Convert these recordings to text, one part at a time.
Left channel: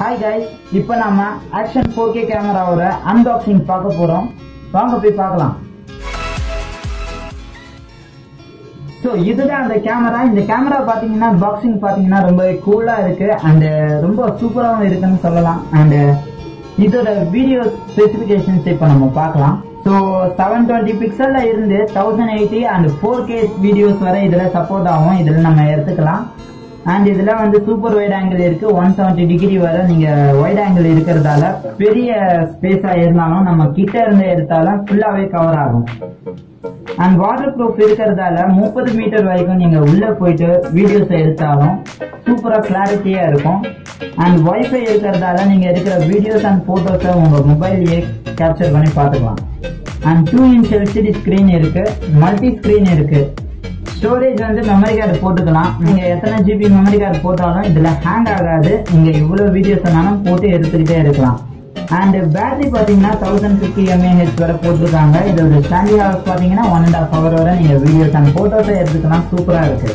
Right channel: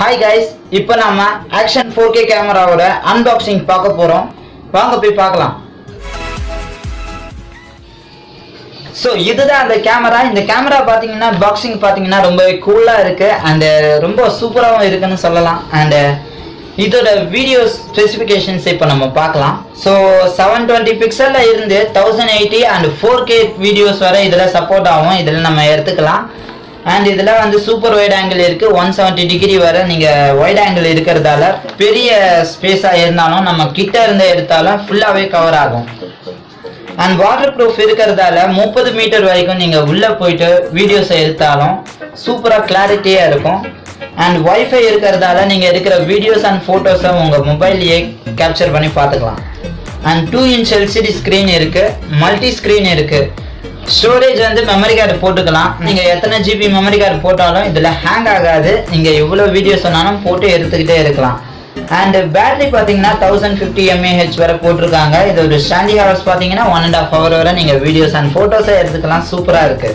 Hi guys, இப்போ நாம Action 4K கேமராவோட unboxing பார்க்க போறோம். வாங்க போய் பார்க்கலாம். So இதுதான் அந்த கேமரா. இந்த கேமரா பாத்தீங்கன்னா பாக்ஸிங் பாத்தீங்கன்னா ரொம்ப கூலா இருக்கு and ரொம்ப சூப்பராவும் இருக்குன்னு சொல்லலாம். and இதோட வீடியோ ஸ்பெசிஃபிகேஷன்ஸ் இப்போ நம்ம பார்க்கலாம். So 720 பிக்சல்ல இருந்து 1080 and 4K வீடியோஸ் வரை இதல சப்போர்ட் ஆகும். இதல நம்ம எடுத்துக்கலாம். and இதல வந்து சூப்பர் வைட் ஆங்கிள் இருக்கு 170 டிகிரி வரை நீங்க வைட் ஆங்கிள் இருக்குறதால பெரிய ஸ்பேஸா இருந்தாலும் நம்ம கிட்ட இருந்து எடுத்தாலும் ஃபுல்லாவே கவர் ஆகும். and வாட்டர் ப்ரூஃப் இருக்குறதால 30 மீட்டர் வரைக்கும் நீங்க உள்ள போயிட்டு வீடியோஸ் எடுத்தாலும் சூப்பரா கிளாரிட்டியா இருக்கும். and வைஃபை இருக்குறதால நீங்க எடுக்கிற வீடியோஸ் and போட்டோஸை உங்க மொபைல்லையே கேப்சர் பண்ணி பார்த்துக்கலாம். and 2-inch LCD ஸ்கிரீன் இருக்கு, மல்டி ஸ்கிரீன் இருக்கு. ஸ்டோரேஜ் வந்து மெமரி கார்டு போட்டுக்கலாம். நீங்க எத்தனை ஜிபி மெமரி கார்டு போட்டாலும் இதுல ஹேங் ஆகாது. நீங்க இவ்வளவு வீடியோஸ் சொன்னாலும் போட்டு எடுத்துக்கிட்டே இருக்கலாம். and பேட்டரி பாத்தீங்கன்னா 1050 mAh வரை போட்டிருக்காங்க. இது ஒரு ஸ்டாண்டிங் ஹவர்ஸ் பாத்தீங்கன்னா 1.5 hour வரை நீங்க வீடியோஸ் அண்ட் போட்டோஸை எடுத்துக்கலாம். சூப்பரா இருக்கு.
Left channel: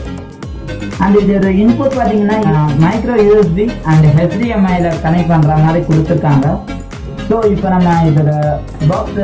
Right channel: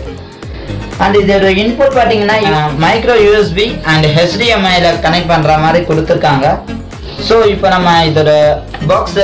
and இதோட இன்புட் பாத்தீங்கன்னா மைக்ரோ யூஎஸ்பி and HDMI ல கனெக்ட் பண்ற மாதிரி கொடுத்திருக்காங்க. சோ இப்போ நம்ம இதோட பாக்ஸ்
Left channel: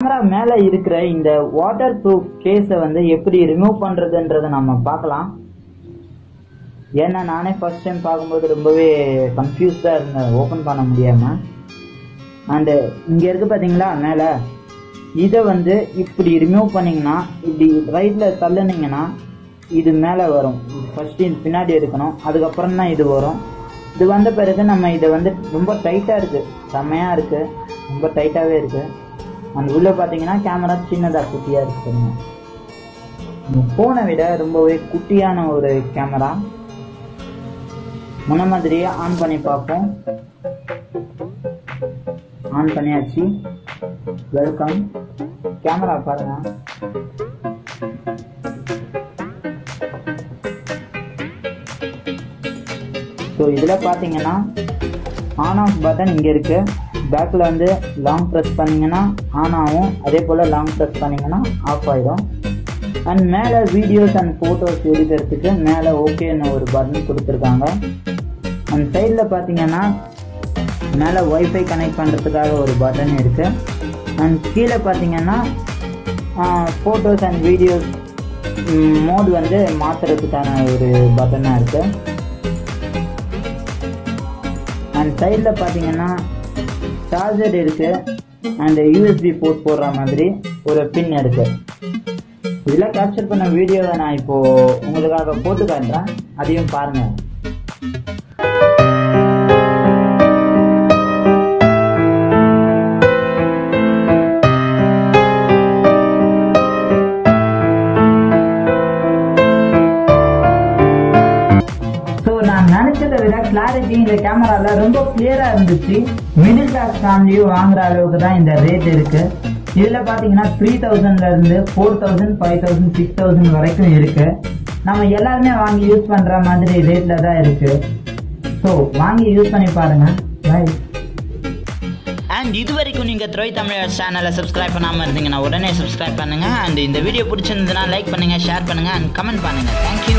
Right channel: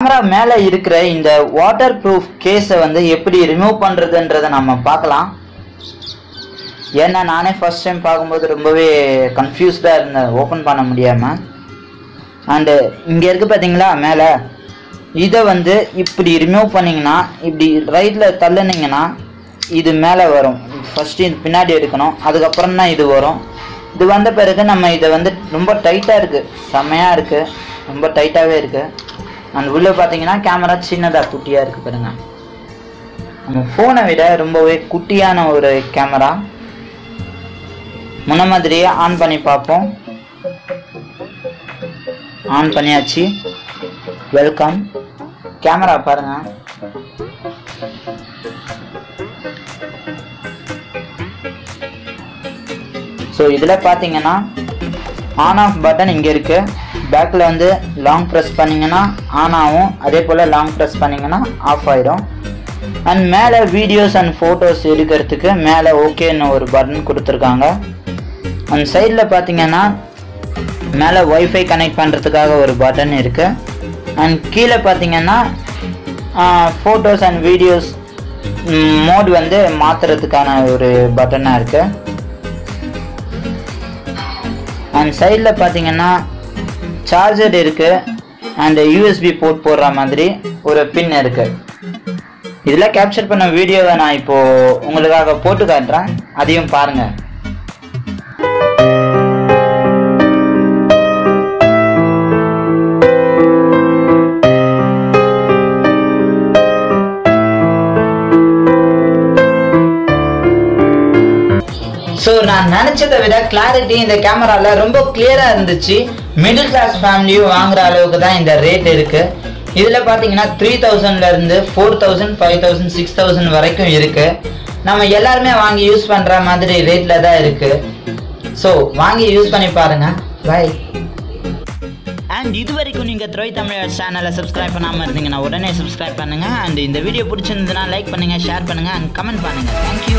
கேமரா மேல இருக்கிற இந்த வாட்டர் ப்ரூஃப் கேஸை வந்து எப்படி ரிமூவ் பண்றதுன்றதை நம்ம பார்க்கலாம். ஏன்னா நானே ஃபர்ஸ்ட் டைம் பார்க்கும்போது ரொம்பவே கன்ஃபியூஸ்டா இருந்தேன் ஓப்பன் பண்ண முடியாம. அண்டு இங்க இருக்கு பாத்தீங்களா மேல, இதை வந்து இப்படி ரிமூவ் பண்ணீங்கன்னா இப்படி ரைட்ல தள்ளுனீங்கன்னா இது மேலே வரும். ஃபர்ஸ்ட் இது பின்னாடி எடுக்கணும், அதுக்கப்புறம் தான் இது வரும். இது வந்த பிறகு நம்ம இதை வந்து ரொம்ப டைட்டா இருக்கு, செம்மையா இருக்கு, ரொம்ப டைட்டாவே இருக்கு. அந்த உள்ள பாத்தீங்கன்னா கேமரா சின்னதா குட்டியா இருக்கு பாருங்க. நம்ம போனை விட ரொம்பவே குட்டியான ஒரு கேமரா. முன்ன மாதிரியே ஆன் பண்ணி பார்ப்போம். ஆன் பண்ணியாச்சு. வெல்கம். கேமரா பாருங்க. ஸோ இதில் பார்த்தீங்கன்னா ஆன் ஆஃப் பட்டன் இங்கே இருக்கு. பேக்கில் வந்து லாங் ப்ரெஸ் பண்ணிங்கன்னா ஆன் ஆகும், அதே போல் லாங் ப்ரெஸ் பண்ணிங்கன்னா ஆஃப் ஆகிடும். அண்ட் மேலே வீடியோஸ் அண்ட் ஃபோட்டோஸ் எடுக்கிறதுக்கு மேலே ஓகேன்னு ஒரு பட்டன் கொடுத்துருக்காங்க. அண்ட் சைடில் பார்த்தீங்கன்னா மேலே வைஃபை கனெக்ட் பண்ணுறதுக்காக ஒரு பட்டன் இருக்குது. அண்ட் கீழே பார்த்தீங்கன்னா ஃபோட்டோஸ் அண்ட் வீடியோஸ் மோட் வந்து மாற்றுறதுக்கான ஒரு பட்டனாக இருக்குது. அண்ட் சைடில் பார்த்தீங்கன்னா சார்ஜர் இருக்குது அண்ட் யூஎஸ்பி போர்ட் போடுற மாதிரி ஒரு பின் இருக்குது. இதில் கேப்சர் பண்ண வீடியோவை நான் இப்போது உங்களுக்காக போட்டு காட்டுறேன், அதையும் பாருங்கள். ஸோ நான் நினச்சதை விட கிளாரிட்டி இந்த கேமராவில் ரொம்ப கிளியராக இருந்துச்சு. மிடில் கிளாஸ் ஃபேமிலியும் வாங்குற அளவுக்கு தான் இந்த ரேட் இருக்குது. இதில் பார்த்தீங்கன்னா 3000லேருந்து 4000, 5000, 6000 வரைக்கும் இருக்குது. நம்ம எல்லாருமே வாங்கி யூஸ் பண்ணுற மாதிரி ரேட்டில் தான் இருக்குது. ஸோ வாங்கி யூஸ் பண்ணி பாருங்கள். பை. அண்ட் இது வரைக்கும் நீங்கள் த்ரோய் தமிழ் சேனலை சப்ஸ்கிரைப் பண்ணாமல் இருந்தீங்கன்னா உடனே சப்ஸ்கிரைப் பண்ணுங்கள். அண்ட் இந்த வீடியோ பிடிச்சிருந்ததுன்னா லைக் பண்ணுங்கள், ஷேர் பண்ணுங்கள் அண்ட் கமெண்ட் பண்ணுங்கள். தேங்க்யூ.